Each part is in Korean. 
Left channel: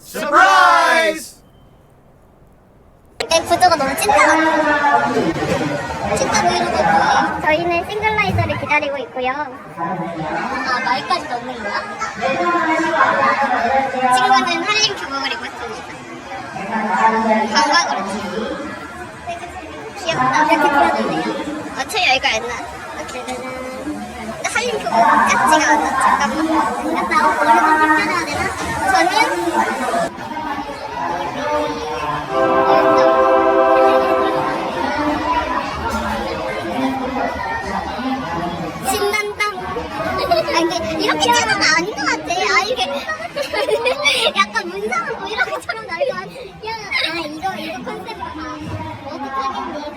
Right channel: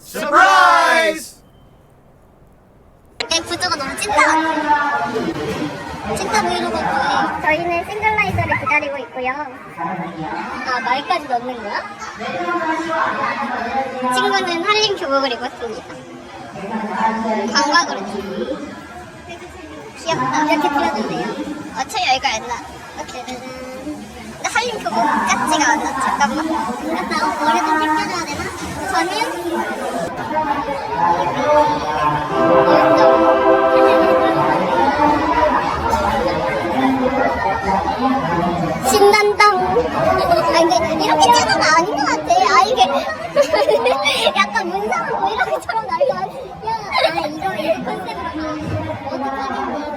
서프라이즈! 내 구조가 너무 찐따. 찐따 보이는 거 저희는 싱글라이저를 기다리고 있고요. 아, 말까지 넣는 거야? 친구는 한림 교복을 입었습니다. 감각으로. 귀엽다. 이렇게 띄워주세요. 어차피 여기가 안 나. 짜자잔. 근데 한림 교복 같지가 않아. 잠깐만. 같다. 어, 머리 좀 빗겨줘야 되나? 저는 신난다. 아, 근데 이렇게 짜는 아닌 것 같아. 아, 이게. 약간 문상은 뭐 이렇게처럼 아, 이거, 이거 컨셉. 어떻게 하겠니?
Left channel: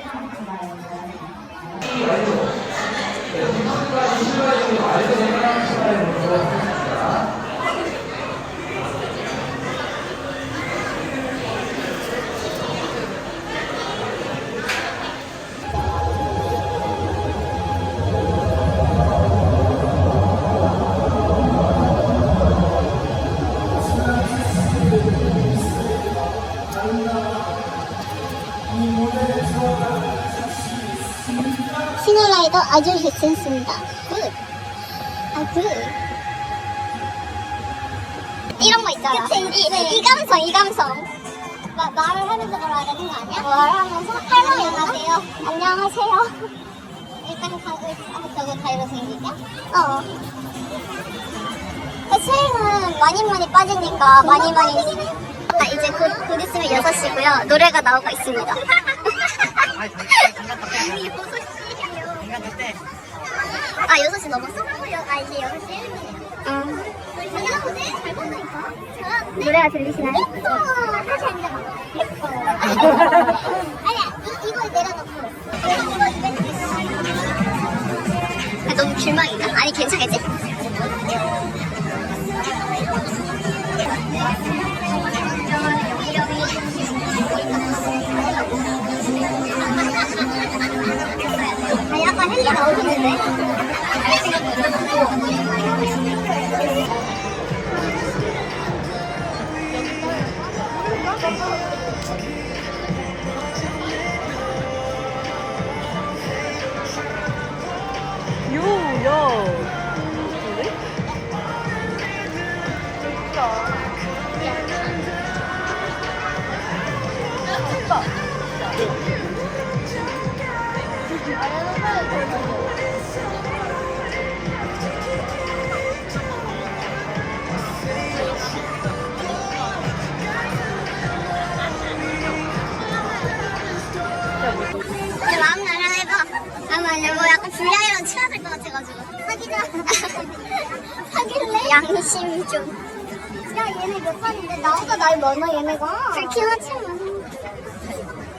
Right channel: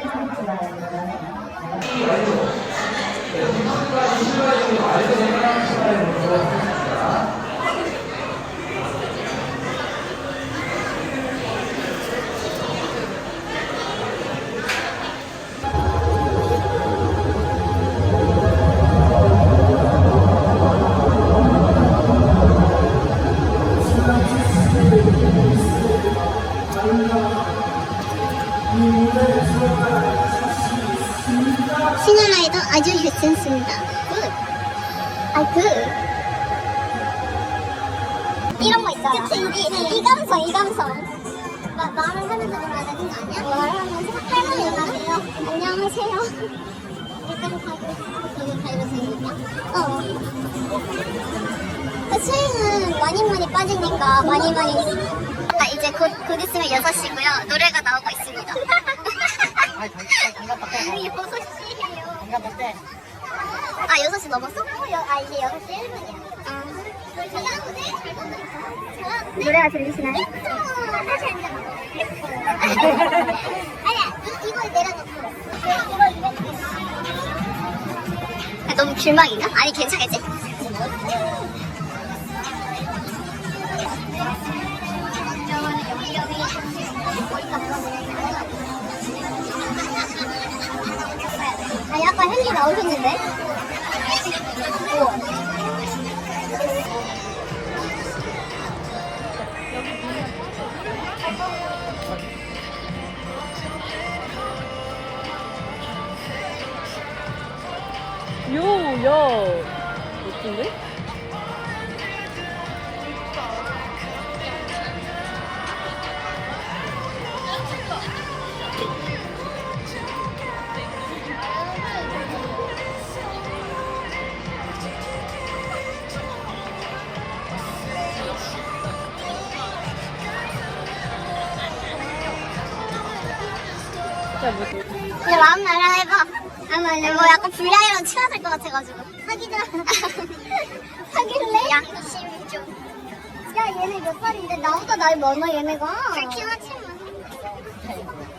시뮬라이 아주 괜찮습니다. 굿. 아, 굿. 이런 거 있잖아. 그치, 이, 이 감성, 이 감성. 나, 말을 하면서 말하는 거 아니야? 말을 하면서? 할머니 안녕하세요. 안녕하세요. 일단 가고, 가고 가위로 생길까? 어. 그 스윙은 많이 많이 빠지니까 많이 많이. 아, 이제 곧, 곧 있으면 6시고요. 노래가 나오고 있습니다. 아, 6시 넘었어? 아, 이제 6시 1분이야. 응. 잘나오네? 잘 본다니까. 노래가 들리시나요? 예뻐. 다시 앉아봐. 예뻐. 아니야, 이, 이걸 내려놓고. 아, 너무 길막인가? 아니, 괜찮겠지? 헬리 나오셨는데? 요, 야. 근데? 내 마음 나라 해봐. 뭐 약간 불량이랑 친화될 것 같아가지고. 사귀자. 사귈래? 양심 좀. 야, 얘네 몇 살인데? 나보다 나이 많아, 얘네가. 그렇긴 하지만.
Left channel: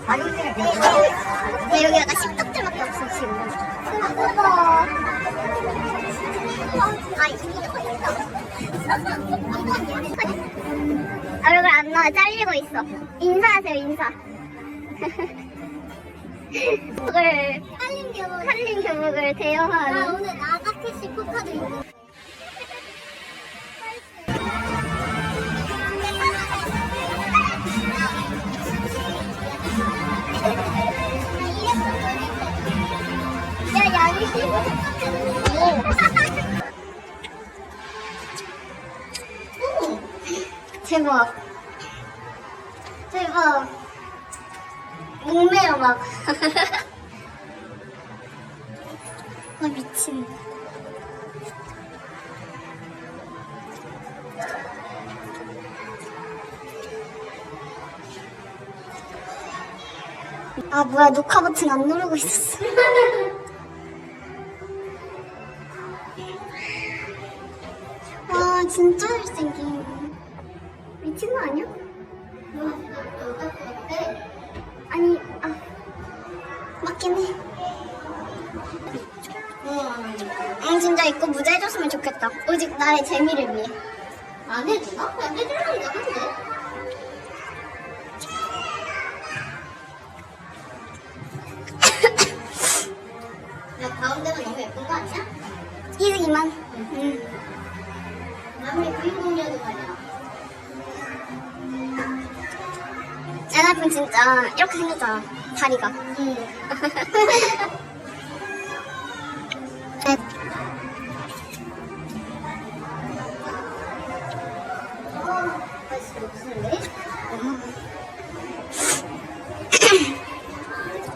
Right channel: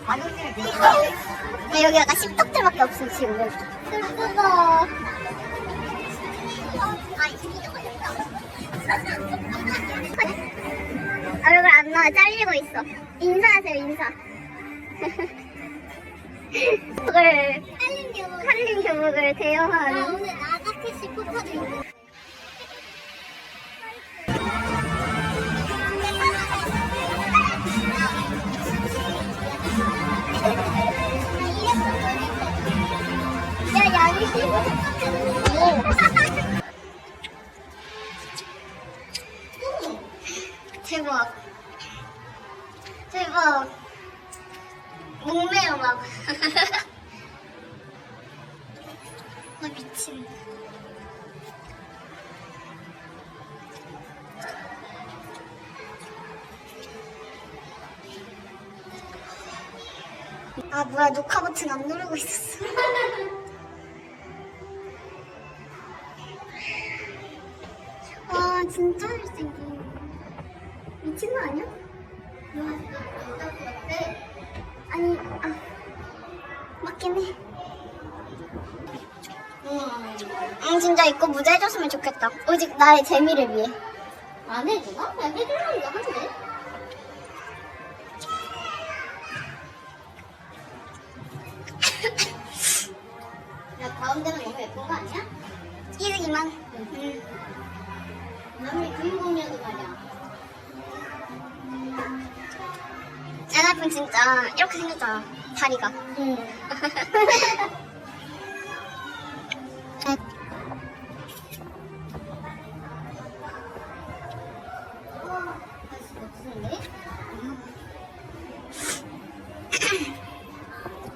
아니, 근데 여기 약간 씹덕들밖에 없어, 지금. 예쁘다. 얼굴 안 나와, 잘리고 있어. 인사하세요, 인사. 교복을 한림 교복 한림 교복을 대여한 아 오늘 나가캐시 포카도 야 양심 대박. 대박 목매요 막. 아 미친. 아 뭐야 녹화 버튼 안 누르고 있었어. 와 진짜 잘생김. 미친 거 아니야? 아니, 아, 맞긴 해. 응, 진짜 이거 무자 해줬으면 좋겠다. 오직 나의 재미를 위해. 안 해주나? 그냥 해주려니까 한대. 야, 가운데가 이거 예쁜 거 아니야? 이승이만. 응. 아 와이프는 진짜 이렇게 생겼잖아. 다리가. 응. 네.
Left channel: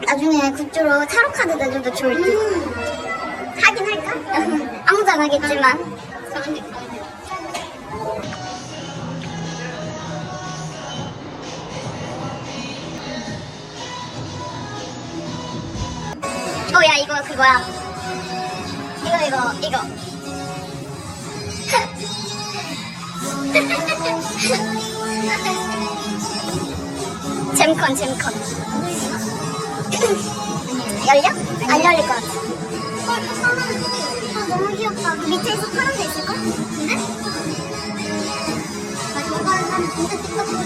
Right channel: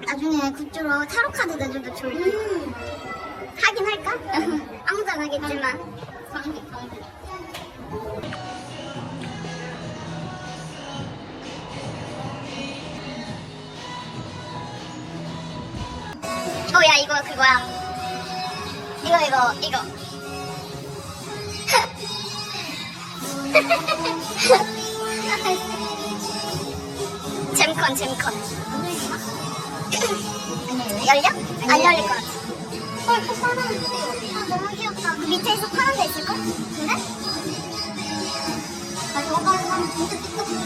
나중에 굿즈로 타로 카드 내줘도 좋을 듯. 하긴 할까? 아무도 안 하겠지만. 어, 야, 이거 그거야. 이거, 이거, 이거. 잼컨, 잼컨. 열려? 안 열릴 것 같아. 아, 너무 귀엽다. 그 밑에서 파란 데 있을걸? 근데? 나 저거 한 진짜 띠껍거리.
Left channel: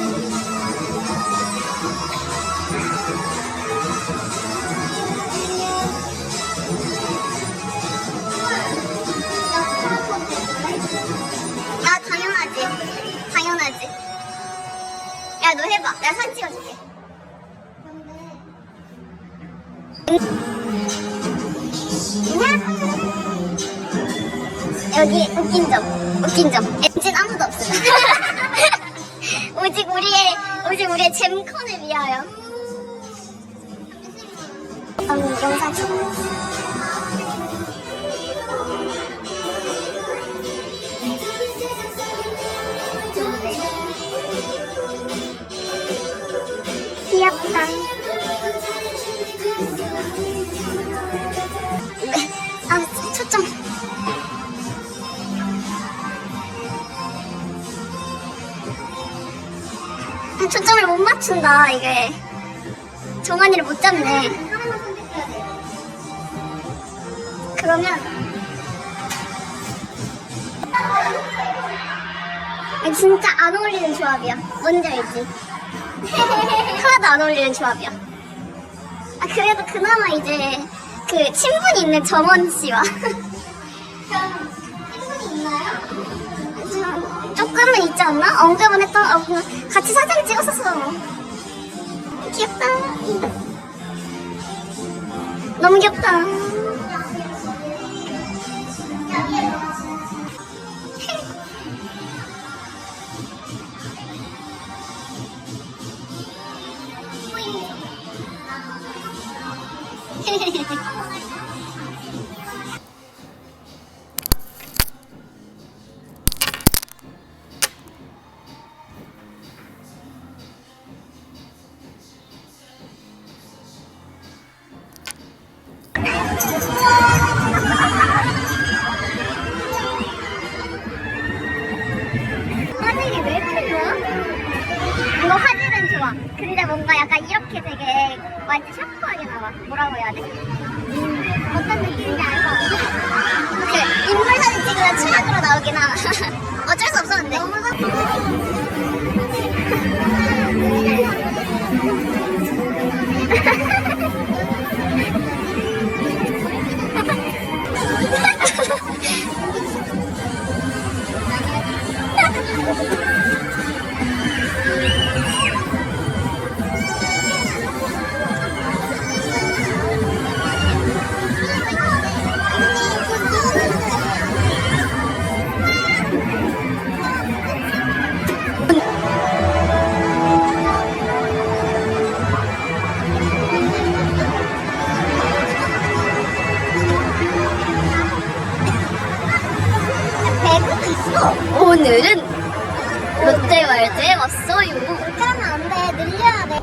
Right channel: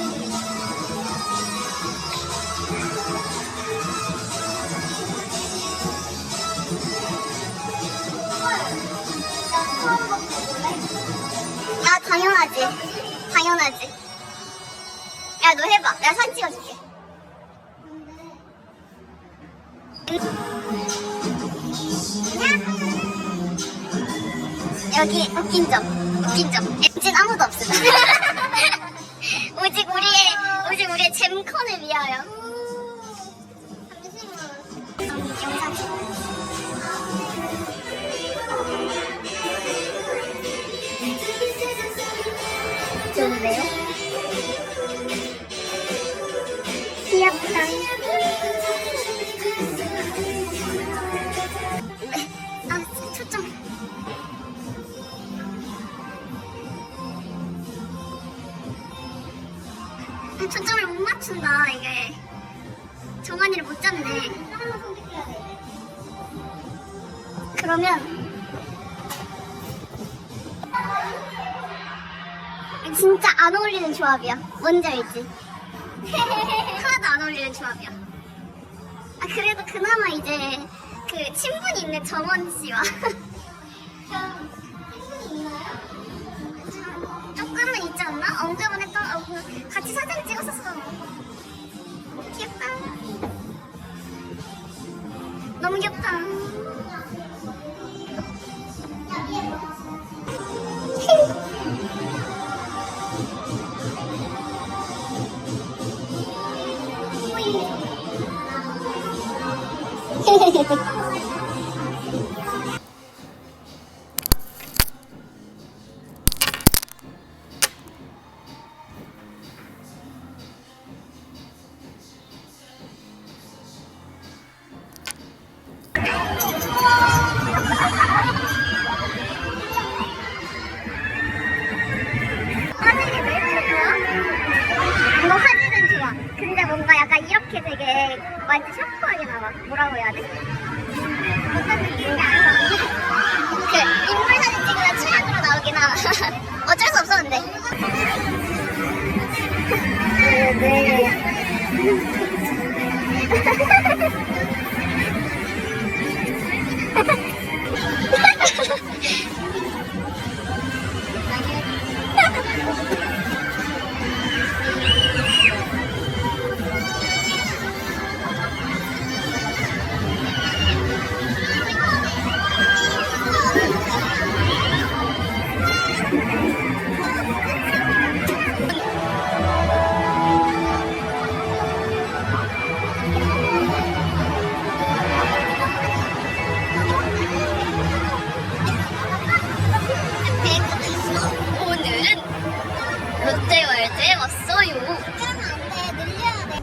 당연하지. 당연하지. 야, 너 해봐. 내가 사진 찍어줄게. 여기 웃긴 점, 웃긴 점. 엔진 아무도 없어. 오직 우리의, 오직 우리의 잼컨을 위하여. 음, 영상 찍어. 좋은데요? 맞춘다, 이게. 종아리를 못 잡네. 그러면. 아, 진짜 안 어울리는 조합이야. 뭔지 알지? 하나도 안 어울리는 조합이야. 아, 그래도 그나마 이제 그 친분이 있는 정원 씨와. 조금은 있지 않나? 언급은 했던, 어, 그냥 같이 사진 찍었었어. 귀엽다. 너무 귀엽다. 되게 완전 샤프하게 나와. 뭐라고 해야 돼? 어떤 느낌인지? 그 인물 사진 찍으면 최악으로 나오긴 하나. 어쩔 수. 오 왔어요. 그러면 안 돼. 늘려야 돼.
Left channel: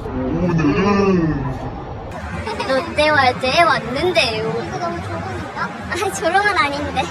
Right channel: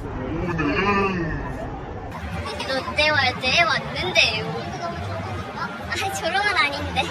롯데월드에 왔는데요. 아, 건 아닌데.